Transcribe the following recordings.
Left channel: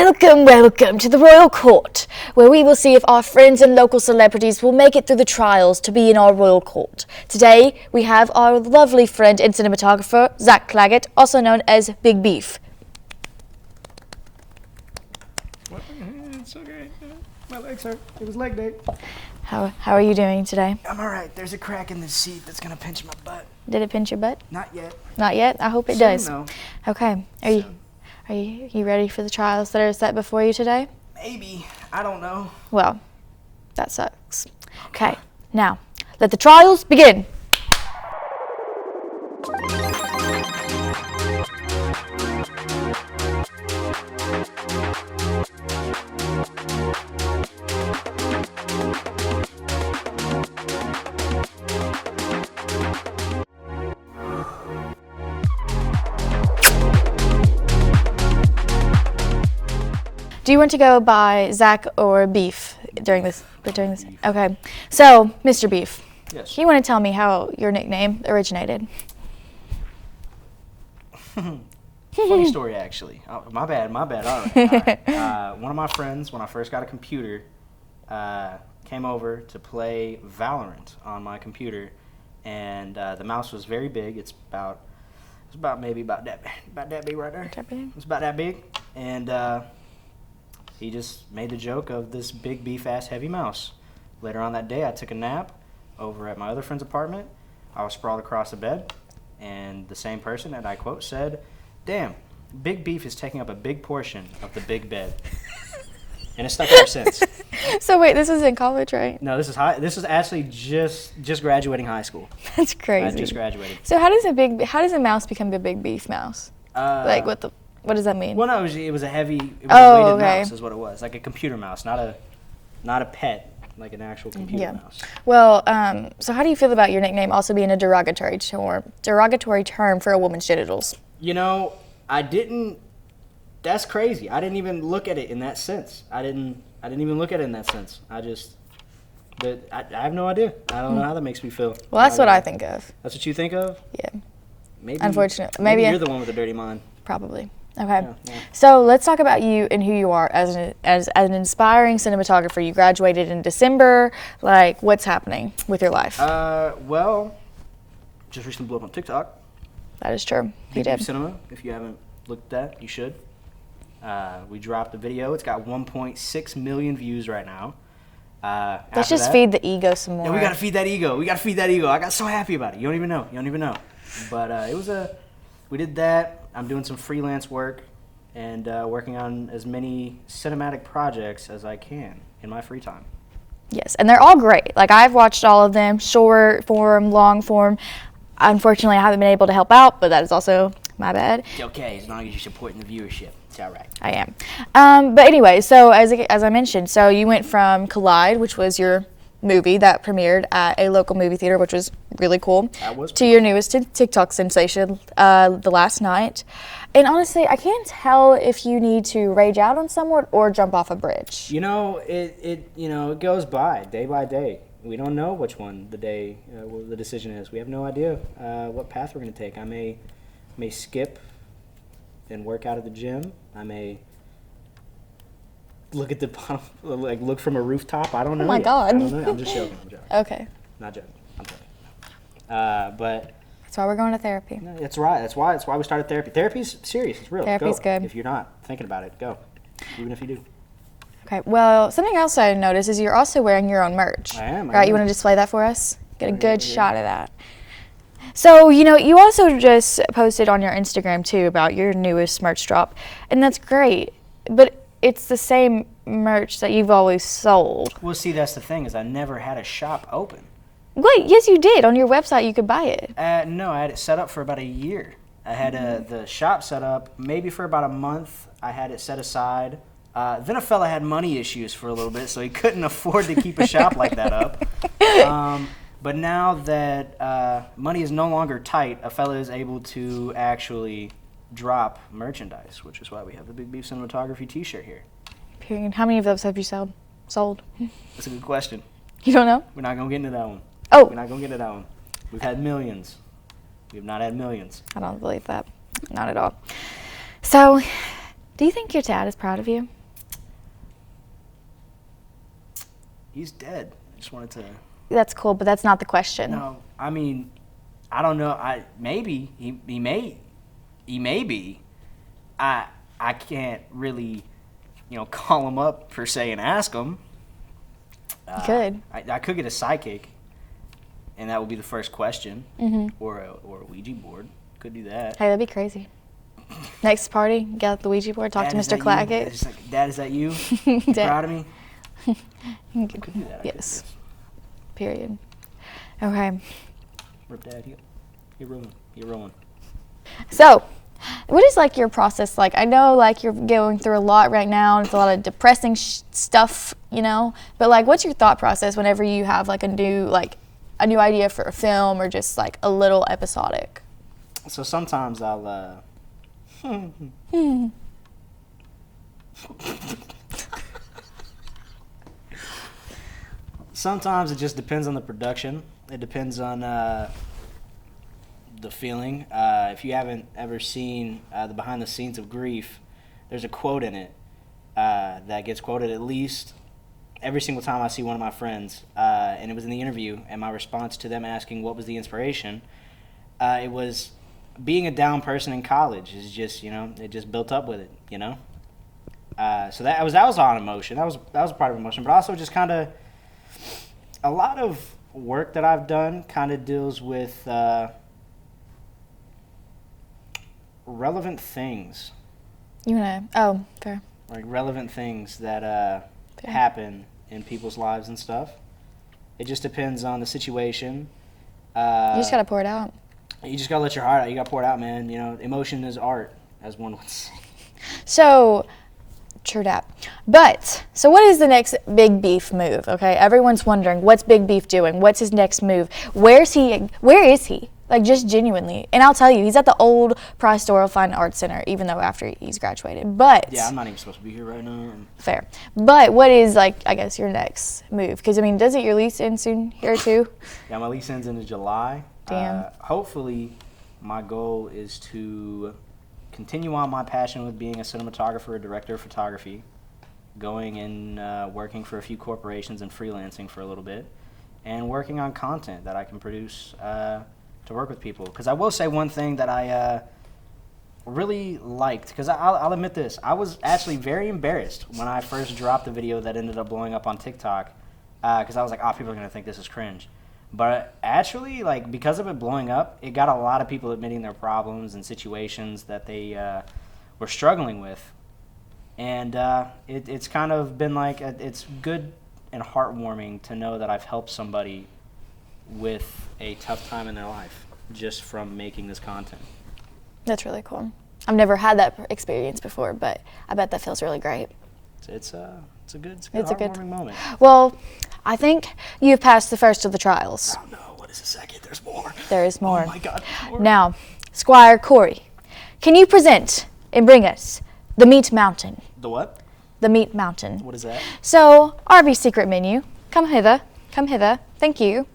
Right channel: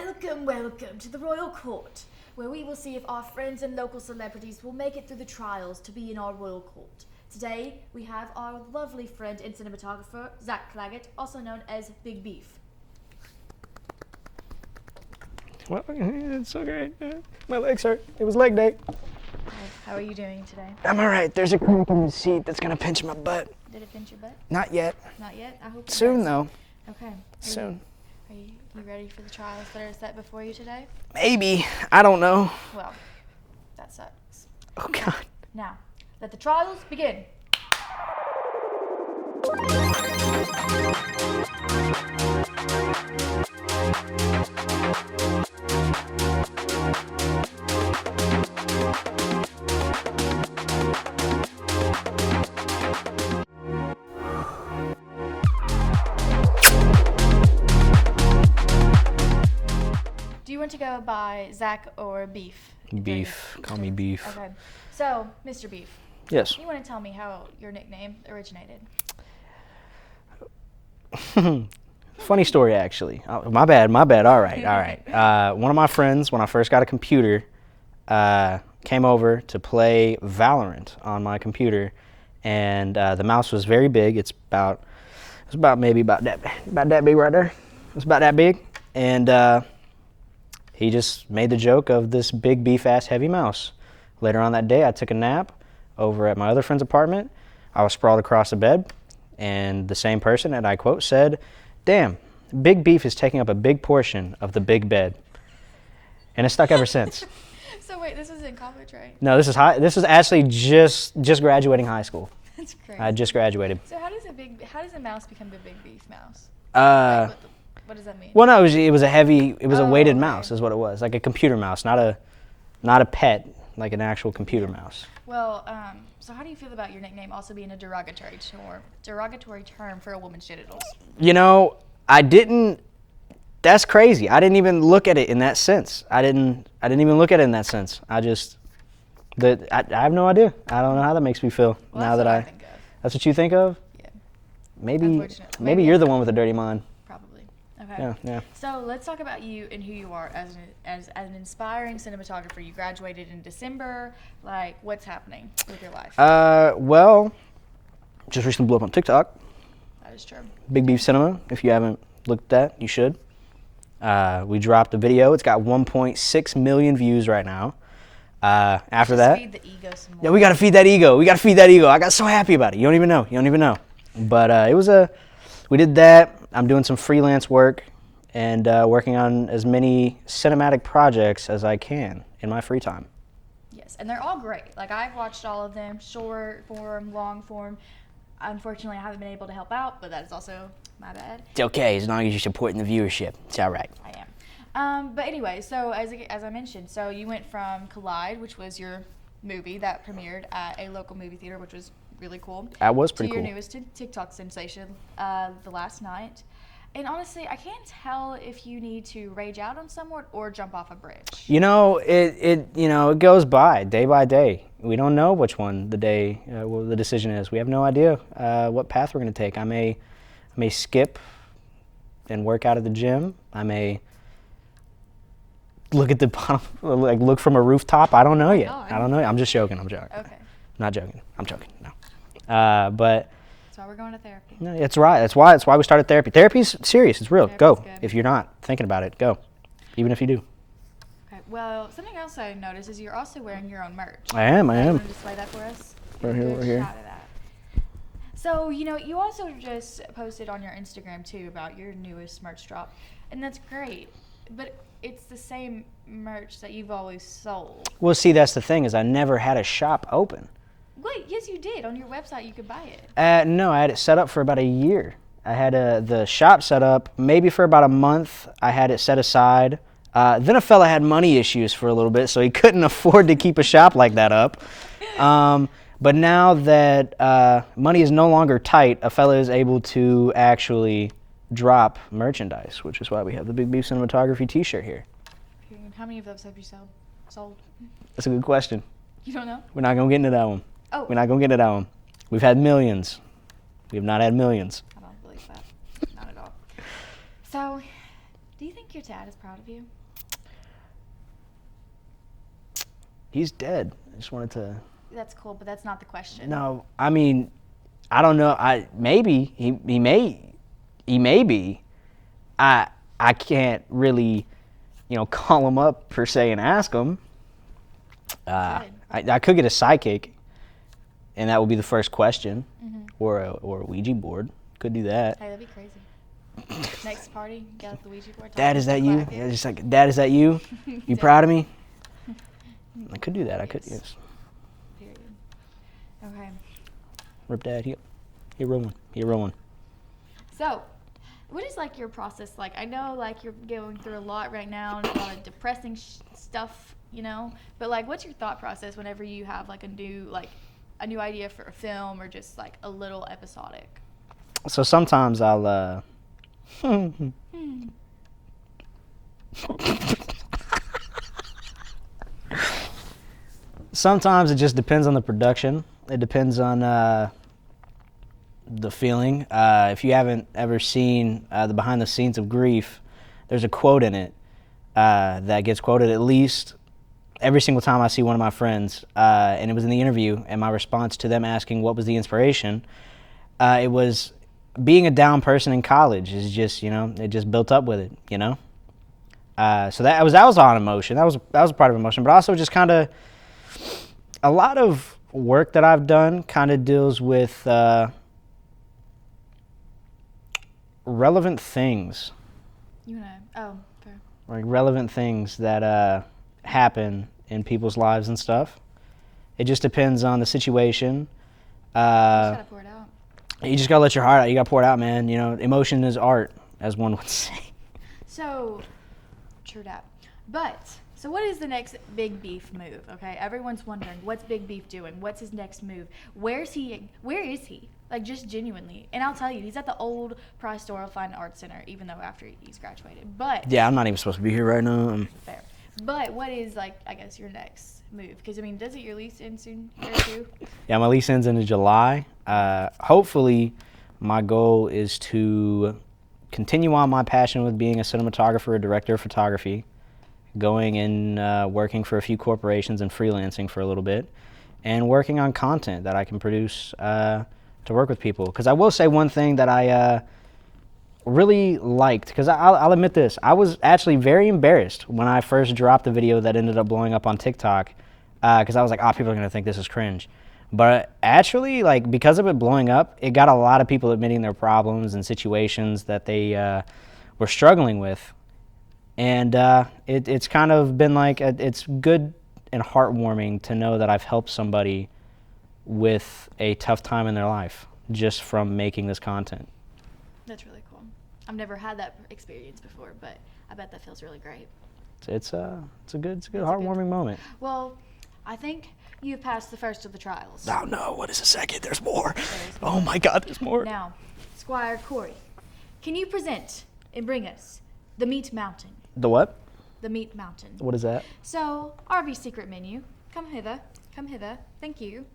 Welcome, welcome to the Royal Court, where we will see if our friends and local celebrities will make it through the trials to be in our Royal Court. Today, we have our lovely friend and cinematographer, Zach Claggett, also known as Big Beef. Well, it's okay. My legs hurt. It was leg day. How are you doing today? I'm all right. There's a crack in the seat that's going to pinch my butt. Did it pinch your butt? Not yet. Not yet? I hope it Soon, does. though. Okay. Are you ready for the trials that are set before you today? Maybe. I don't know. Well, that sucks. Okay. Now, let the trials begin. Do you want to go by Zach or Beef during this? Call me Beef. Okay. So, Mr. Beef, Yes. you want to tell me how your nickname originated? Funny story, actually. Oh, my bad. All right. One of my friends, when I first got a computer, came over to play Valorant on my computer, and the mouse was very big. It's about that big right there. It's about that big, and he just made the joke of this big beef ass heavy mouse. Later on that day, I took a nap over at my other friend's apartment. I was sprawled across the bed, and the same person, and I quote, said, "Damn, Big Beef is taking up a big portion of the big bed." And it's stuck ever since. So wait, this was in college, right? No, this is actually just graduating high school. That's crazy. I just graduated. So how does a mouse become a Big Beef mouse? Like what does that mean? Well, no, it was a weighted mouse, is what it was, like a computer mouse, not a pet, like an actual computer mouse. Well, so how do you feel about your nickname also being a derogatory term for a woman's genitals? You know, that's crazy. I didn't even look at it in that sense. I didn't even look at it in that sense. I have no idea. I don't know how that makes me feel. Well, that's what I think of. That's what you think of? Yeah. Maybe. Unfortunately. Maybe you're the one with a dirty mind. Probably. Okay. Yeah. So let's talk about you and who you are as an inspiring cinematographer. You graduated in December. Like, what's happening with your life? Well, just recently blew up on TikTok. That is true. Big Beef Cinema. If you haven't looked at that, you should. We dropped a video. It's got 1.6 million views right now. Let's just feed the ego some more. Yeah, we gotta feed that ego. I got so happy about it. You don't even know. But we did that. I'm doing some freelance work and working on as many cinematic projects as I can in my free time. Yes, and they're all great. Like, I've watched all of them, short form, long form. Unfortunately, I haven't been able to help out, but that is also my bad. It's okay, as long as you're supporting the viewership. It's all right. I am. But anyway, so as I mentioned, so you went from Collide, which was your movie that premiered at a local movie theater, which was really cool. That was to pretty your cool. newest TikTok sensation, The Last Night. And honestly, I can't tell if you need to rage out on someone or jump off a bridge. You know, it goes by day. We don't know which one the decision is. We have no idea what path we're going to take. I may skip and work out at the gym. I may look at the bottom, like look from a rooftop. I don't know yet. God. I don't know. I'm just joking. Okay. Not joking. I'm joking. No. But That's why we're going to therapy. no, it's right. That's why we started therapy. Therapy's serious. It's real. Therapy's Go. good. If you're not thinking about it, go. Even if you do. Okay. Well, something else I noticed is you're also wearing your own merch. I am. Right. You want to display that for us? Get a Right good here. shot of that. So, you also just posted on your Instagram, too, about your newest merch drop. And that's great. But it's the same merch that you've always sold. Well, see, that's the thing is I never had a shop open. Wait, yes, you did. On your website, you could buy it. No, I had it set up for about a year. I had the shop set up maybe for about a month. I had it set aside. Then a fella had money issues for a little bit, so he couldn't afford to keep a shop like that up. But now that money is no longer tight, a fella is able to actually drop merchandise, which is why we have the Big Beef Cinematography t-shirt here. Period. How many of those have you sold? That's a good question. You don't know? We're not going to get into that one. Oh. We're not going to get into that one. We've had millions. We have not had millions. I don't believe that. Not at all. So, Do you think your dad is proud of you? He's dead. I just wanted to. That's cool, but that's not the question. No, I mean, I don't know. Maybe he may be. I can't really, call him up per se and ask him. You could. I could get a psychic, and that would be the first question, or a Ouija board. Could do that. Hey, that'd be crazy. Next party, get out the Ouija board, talk Dad, to is Mr. that Claggett. you? Just like, Dad, is that you? You Dad. proud of me? I could do that. I could. Yes. Yes. Period. Okay. Rip Dad, he rolling. He rolling. So, what is like your process like? I know like you're going through a lot right now, and it's a lot of depressing stuff, But like, what's your thought process whenever you have like a new idea for a film or just like a little episodic? So sometimes I'll. Sometimes it just depends on the production. It depends on the feeling. If you haven't ever seen the behind the scenes of Grief, there's a quote in it that gets quoted at least every single time I see one of my friends. And it was in the interview, and my response to them asking what was the inspiration, it was being a down person in college is just, it just built up with it, So that was on emotion. That was a part of emotion, but also just kind of a lot of work that I've done kind of deals with relevant things. Fair. Like relevant things that happen in people's lives and stuff. It just depends on the situation. You just gotta pour it out. You just gotta let your heart out. You gotta pour it out, man. Emotion is art, as one would say. So, true that. But, so what is the next Big Beef move, okay? Everyone's wondering, what's Big Beef doing? What's his next move? Where is he? Like, just genuinely. And I'll tell you, he's at the old Price Doyle Fine Arts Center, even though after he's graduated. But... Yeah, I'm not even supposed to be here right now. Fair. But what is, I guess, your next move? Because, doesn't your lease end soon here, too? Yeah, my lease ends in July. Hopefully, my goal is to continue on my passion with being a cinematographer, a director of photography, going and working for a few corporations and freelancing for a little bit, and working on content that I can produce to work with people. Because I will say one thing that I really liked, because I'll admit this, I was actually very embarrassed when I first dropped the video that ended up blowing up on TikTok, because I was like, people are going to think this is cringe. But actually, because of it blowing up, it got a lot of people admitting their problems and situations that they were struggling with. And it's kind of been it's good and heartwarming to know that I've helped somebody with a tough time in their life just from making this content. That's really cool. I've never had that experience before, but I bet that feels really great. It's a good heartwarming moment. Well, I think you've passed the first of the trials. Oh no, what is a second? There's more. There is more. Oh my God, there's more. Now, Squire Corey, can you present and bring us the Meat Mountain? The what? The Meat Mountain. What is that? So, Arby's secret menu. Come hither. Come hither. Thank you.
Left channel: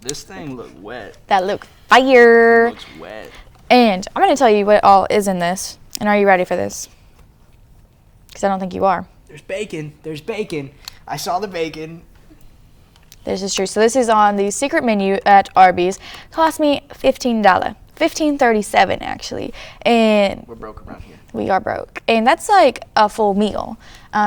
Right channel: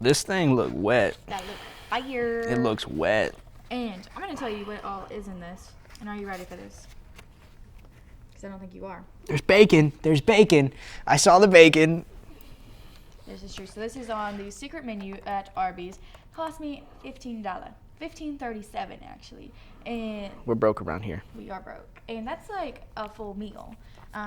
This thing look wet. That look fire. It looks wet. And I'm going to tell you what all is in this. And are you ready for this? Because I don't think you are. There's bacon. There's bacon. I saw the bacon. This is true. So this is on the secret menu at Arby's. Cost me $15. $15.37 actually. And we're broke around here. We are broke. And that's like a full meal.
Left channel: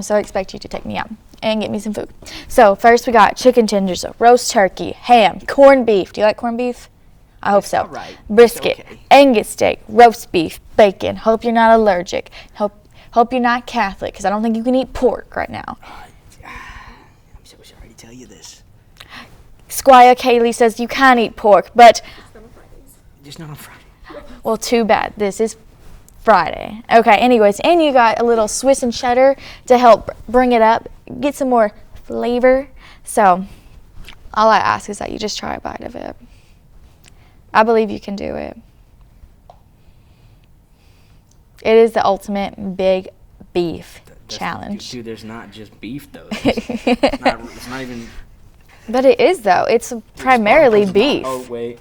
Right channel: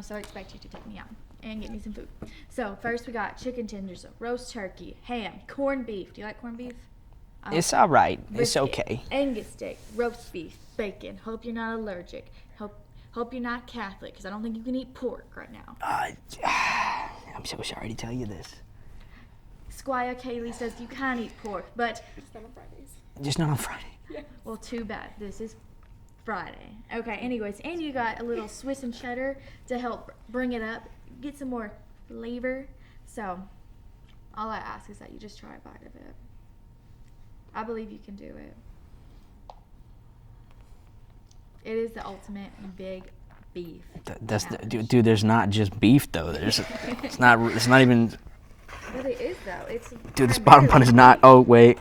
So I expect you to take me out and get me some food. So first we got chicken tenders, roast turkey, ham, corned beef. Do you like corned beef? I hope it's so. All right. Brisket, it's okay. Angus steak, roast beef, bacon. Hope you're not allergic. Hope you're not Catholic, because I don't think you can eat pork right now. I'm so sorry to tell you this. Squire Kaylee says you can eat pork, but... Just not on Friday. Well, too bad. This is Friday. Okay, anyways, and you got a little Swiss and cheddar to help bring it up, get some more flavor. So, all I ask is that you just try a bite of it. I believe you can do it. It is the ultimate big beef challenge. Dude, there's not just beef though. It's not even. But it is though. It's primarily beef. Oh wait.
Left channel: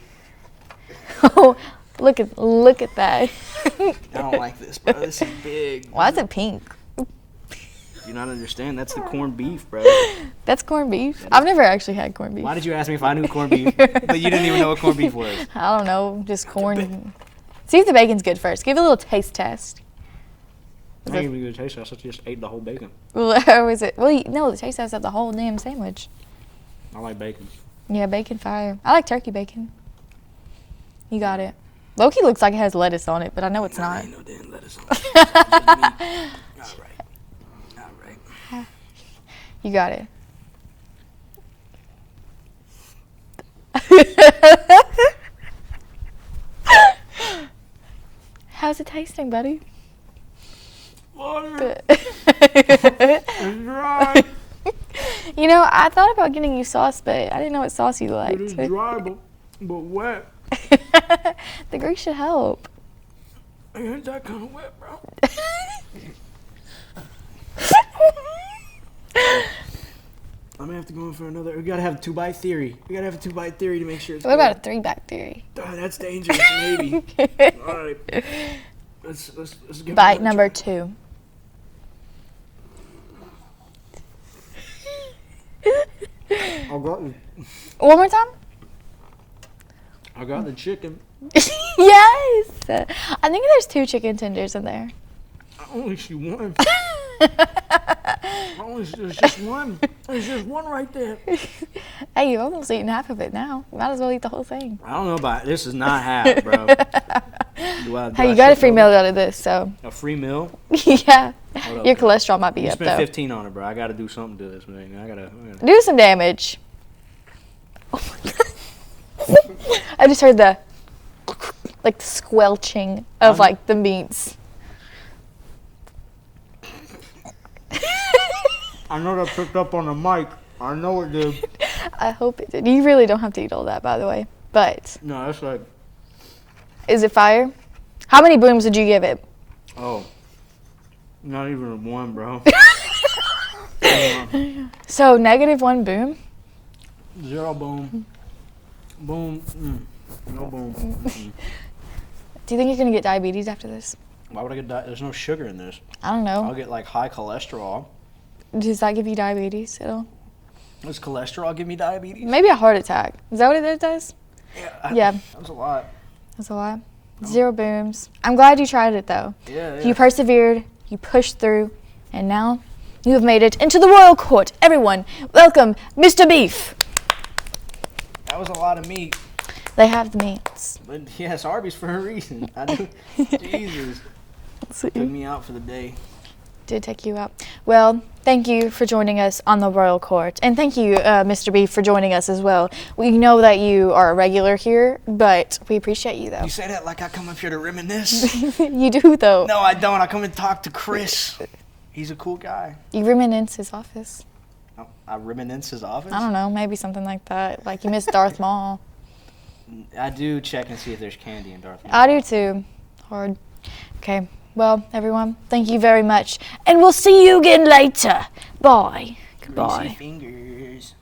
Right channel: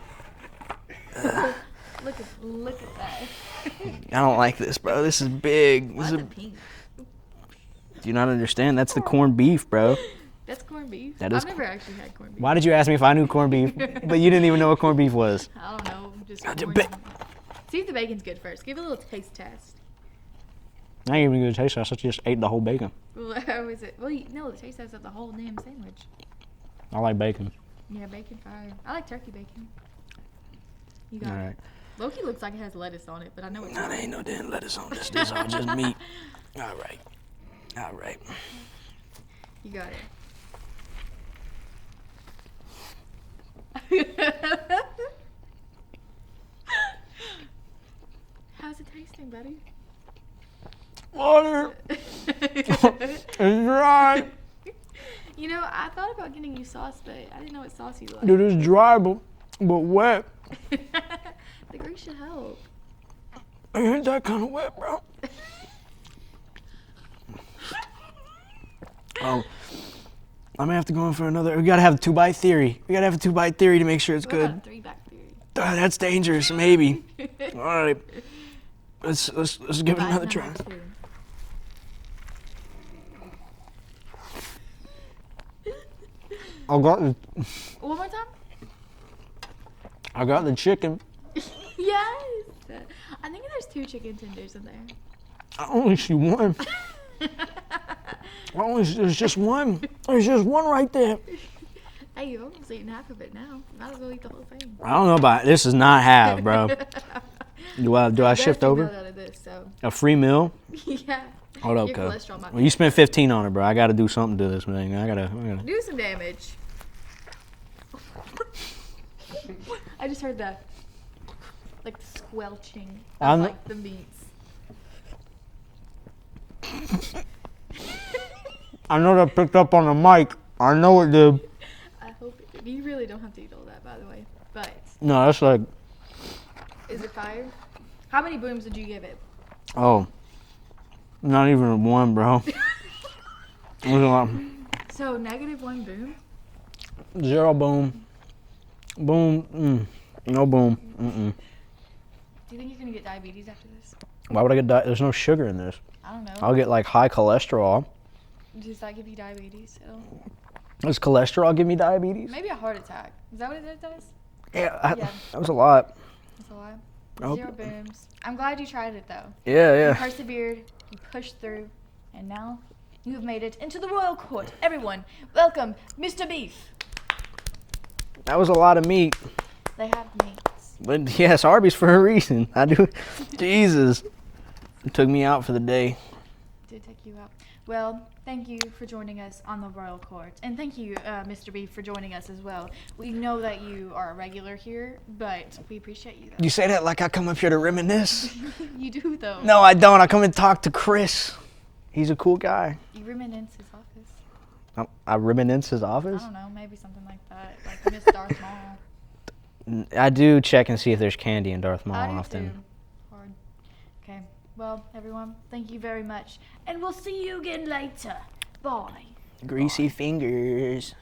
Oh, look at that. I don't like this, bro. This is big. Why is it pink? Do you not understand? That's the corned beef, bro. That's corned beef. That is- I've never actually had corned beef. Why did you ask me if I knew corned beef? But you didn't even know what corned beef was. I don't know, just the corn. See if the bacon's good first. Give it a little taste test. I ain't even gonna taste it. I thought you just ate the whole bacon. Or is it? Well, no, the taste test of the whole damn sandwich. I like bacon. Yeah, bacon fire. I like turkey bacon. You got Yeah. it. Loki looks like it has lettuce on it, but I know it's No, not. there ain't no damn lettuce on it. It's just meat. All right. All right. You got it. How's it tasting, buddy? Water. It's dry. You know, I thought about getting you sauce, but I didn't know what sauce you liked. It is dry, but wet. The grease should help. I ain't that kind of wet, bro. I'm gonna have to go in for another. We gotta have a 2-bite theory. We gotta have a 2-bite theory to make sure it's What good. about a 3-bite theory? That's dangerous, maybe. All right. Let's give it Bite another number try. 2. One more time? I got the chicken. Yes. I think there's 2 chicken tenders in there. I only see one. There's just one. There's just one right there. Hey, you've almost eaten half of it now. Might as well eat the whole thing. I don't know about this. Is not half, bro. Do Hey, you I got a shift free over? meal out of this, so A free meal? yeah. Hold up, Your though. cholesterol might be You up, spent though. 15 on it, bro. I gotta do something to this thing. I gotta. Do some damage. I just heard the like the squelching of I'm- like the meats. I know that picked up on the mic. I know it did. I hope it did. You really don't have to eat all that, by the way. But No, that's like, is it fire? How many booms did you give it? oh, not even a 1, bro. So -1 boom. 0 boom. Boom. No boom. Do you think you're gonna get diabetes after this? Why would I get there's no sugar in this. I don't know. I'll get like high cholesterol. Does that give you diabetes at all? Does cholesterol give me diabetes? Maybe a heart attack. Is that what it does? Yeah. Yeah. That was a lot. That's a lot. Oh. 0 booms. I'm glad you tried it though. Yeah, You persevered, you pushed through, and now you have made it into the royal court. Everyone, welcome Mr. Beef. That was a lot of meat. They have the meats. But yes, Arby's for a reason. I do. Jesus. Took me out for the day. Did take you out. Well, thank you for joining us on the royal court. And thank you, Mr. Beef, for joining us as well. We know that you are a regular here, but we appreciate you though. You say that like I come up here to reminisce. You do though. No, I don't. I come and talk to Chris. He's a cool guy. You reminisce his office. I reminisce his office? I don't know, maybe something like that. Like you miss Darth Maul. I do check and see if there's candy in Darth Maul. I do often. too. Hard. Okay. Well, everyone, thank you very much. And we'll see you again later. Bye. Greasy Goodbye. fingers.